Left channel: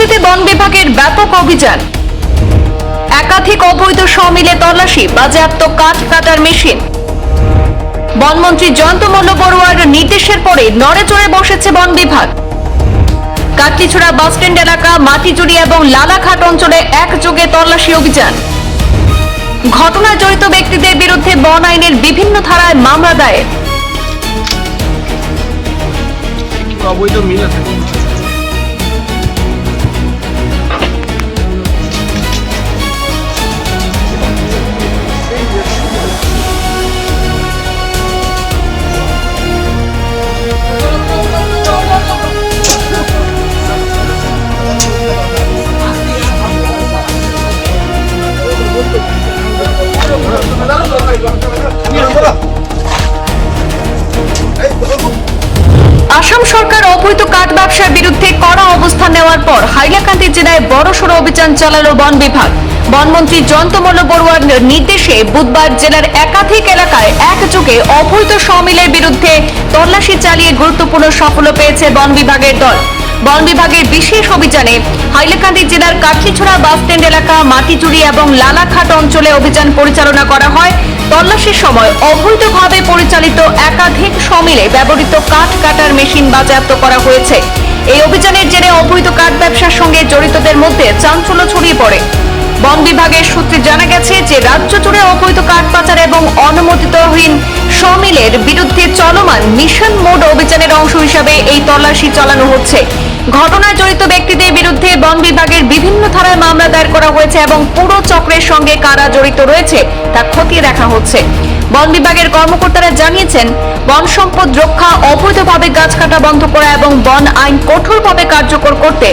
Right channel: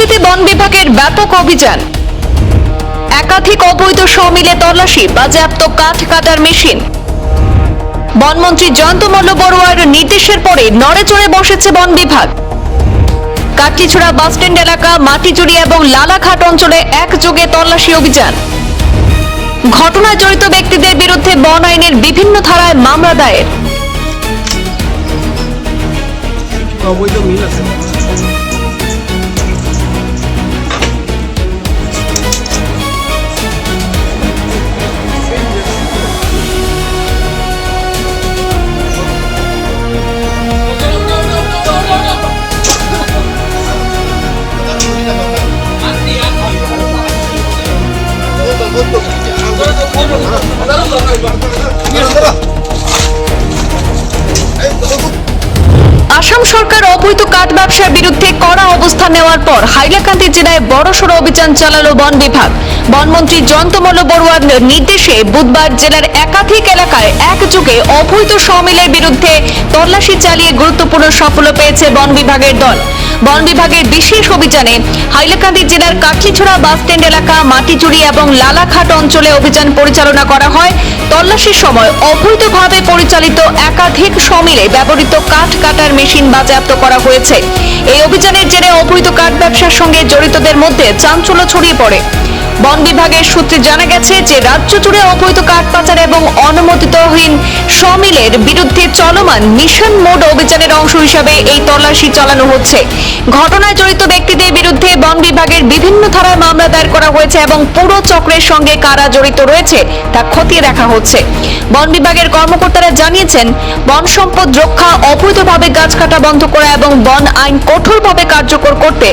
হাইলাকান্দিতে বন বিভাগের ব্যাপক অভিযান, একাধিক অবৈধ সমিলে তল্লাশি, বাজেয়াপ্ত কাঠ কাটার মেশিন। বনমন্ত্রী জয়ন্ত মল্ল বড়ুয়ার নির্দেশের পরে নড়েচড়ে বসেছে বন বিভাগ। কাটলিছড়া বাসস্ট্যান্ড এলাকা, মাটিচুরি এবং লালাঘাট অঞ্চলে একযোগে তল্লাশি অভিযান। ঘটনায় জড়িত ব্যক্তিদের বিরুদ্ধে বন আইনের বিভিন্ন ধারায় মামলা দায়ের। অবৈধ মিল আছে। আসাম সরকার অবৈধ কাঠ ব্যবসার বিরুদ্ধে কড়া অবস্থান নেওয়ার পর হাইলাকান্দি জেলায় বড়সড় অভিযান চালালো বন বিভাগ। বনমন্ত্রী জয়ন্ত মল্ল বড়ুয়ার নির্দেশে বুধবার জেলার একাধিক এলাকায় একযোগে অবৈধ সমিলের বিরুদ্ধে তল্লাশি চালিয়ে গুরুত্বপূর্ণ সাফল্য পেয়েছে বন বিভাগের দল। বন বিভাগের বিশেষ অভিযানে হাইলাকান্দি জেলার কাটলিছড়া বাসস্ট্যান্ড এলাকা, মাটিচুরি এবং লালাঘাট অঞ্চলে অভিযান পরিচালনা করা হয়। তল্লাশির সময় অবৈধভাবে পরিচালিত একাধিক সমিলে ব্যবহৃত কাঠ কাটার মেশিন বাজেয়াপ্ত করা হয়েছে। এই অভিযানের জেরে অবৈধ কাঠ ব্যবসার সঙ্গে জড়িতদের মধ্যে চাঞ্চল্য ছড়িয়ে পড়ে। বন বিভাগের সূত্রে জানা গেছে যে রাজ্য জুড়ে অবৈধ কাঠ পাচার এবং অনুমোদিতহীন সমিলের বিরুদ্ধে চলমান মিশন মোড অভিযানের অংশ হিসাবে এই তল্লাশি চালানো হচ্ছে। ঘটনায় জড়িত ব্যক্তিদের বিরুদ্ধে বন বিভাগের বিভিন্ন ধারায় মামলা দায়ের করা হয়েছে এবং পুরো চক্রের সঙ্গে কারা জড়িত রয়েছে তা খতিয়ে দেখা হচ্ছে। বন বিভাগের কর্মকর্তারা জানিয়েছেন, বন সম্পদ রক্ষা, অবৈধভাবে গাছ কাটা বন্ধ করা এবং বন আইন কঠোরভাবে কার্যকর করতে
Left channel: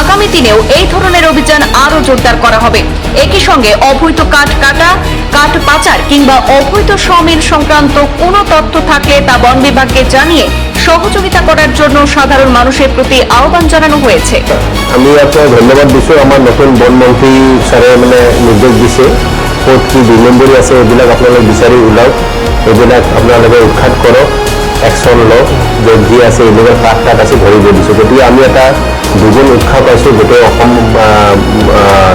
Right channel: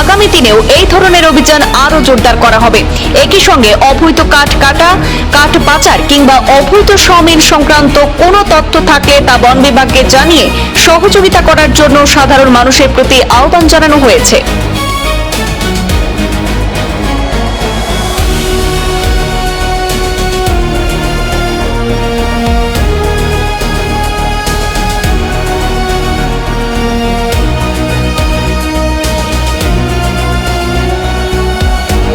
আগামী দিনেও এই ধরনের অভিযান আরো জোরদার করা হবে। একই সঙ্গে অবৈধ কাঠ কাটা, কাঠ পাচার কিংবা অবৈধ সমিল সংক্রান্ত কোনো তথ্য থাকলে তা বন বিভাগকে জানিয়ে সহযোগিতা করার জন্য সাধারণ মানুষের প্রতি আহ্বান জানানো হয়েছে। আমি আপনার ধন্যবাদ দিছোঁ। আমার নতুন বনমন্ত্রী স্যারে মানে নির্দেশ দিছে, ক'ত কি বিলম্বৰী আছে এইবিলাক আপোনালোকে বিচাৰি ওলাওক, এইবিলাক আপোনালোকে উৎখাত কৰক, একশ্যন লওক, য'ত যি আছে এইবিলাক কাঠ কাঠ আছে ধৰিব দিছোঁ। গতিকে আমি এটা দুজন উৎসাহ পাইছোঁ গোটেই অসম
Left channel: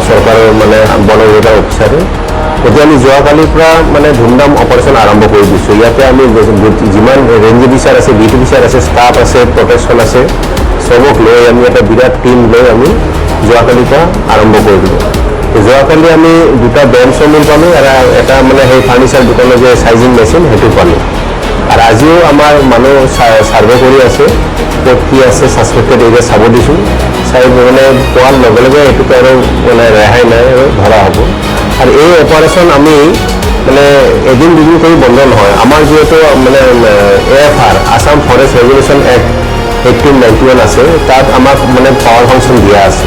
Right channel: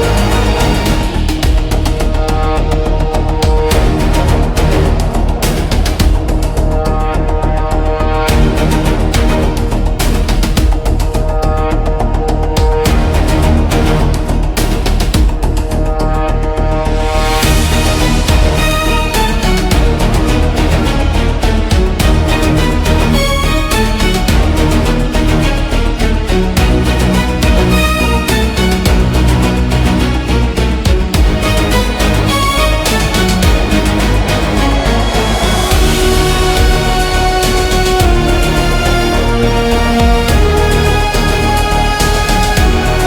চৰকাৰৰ মানে বন বিভাগৰ অফিচাৰে। গতিকে আমি যোৱাকালিৰ পৰা মানে ধুমধাম অপাৰেশ্যন আৰম্ভ কৰি দিছোঁ। ইয়াতে আমি যিমান ৰেঞ্জ অফিচাৰ আছে, বিট অফিচাৰ আছে, ষ্টাফ আছে, প্ৰটেকশ্যন আছে, চবক লৈ আমি এটা বিৰাট টিম লৈ আমি যোৱাকালিৰ পৰা আৰম্ভ কৰি দিলোঁ। যোৱাকালি আমি দুটা বেঞ্চ চমিল পালোঁ, এটা মানে সেই ফাৰ্নিচাৰ দোকানৰ যে চাইজিং মেচিন সেইটো পালোঁ। আৰু আজিও আমাৰ মানুহ ছাৰ্ভে কৰি আছে, ক'ত কি আছে ছাছপেক্টেড এৰিয়া চাব দিছোঁ। চাই মানে পোৱাৰ লগে লগে এইটোতো আৰু মানে ৰেহাই নাই আৰু ধৰা হ'ব। আৰু এই অপাৰেশ্যন আমি মানে এদিন দুদিন কৰি বন্ধ নহয়। আমাৰ যিহেতু মানে AFR Assam forest regulation act 1891 আছে, তাত আমাক মানে পাৱাৰ ফাংচন দিয়া আছে।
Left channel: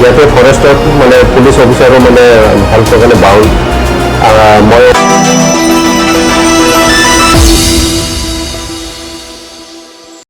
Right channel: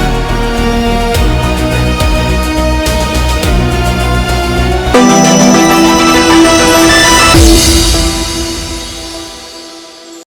ইয়াতে ফৰেষ্টত মানে পুলিচ অফিচাৰো মানে ভালকৈ মানে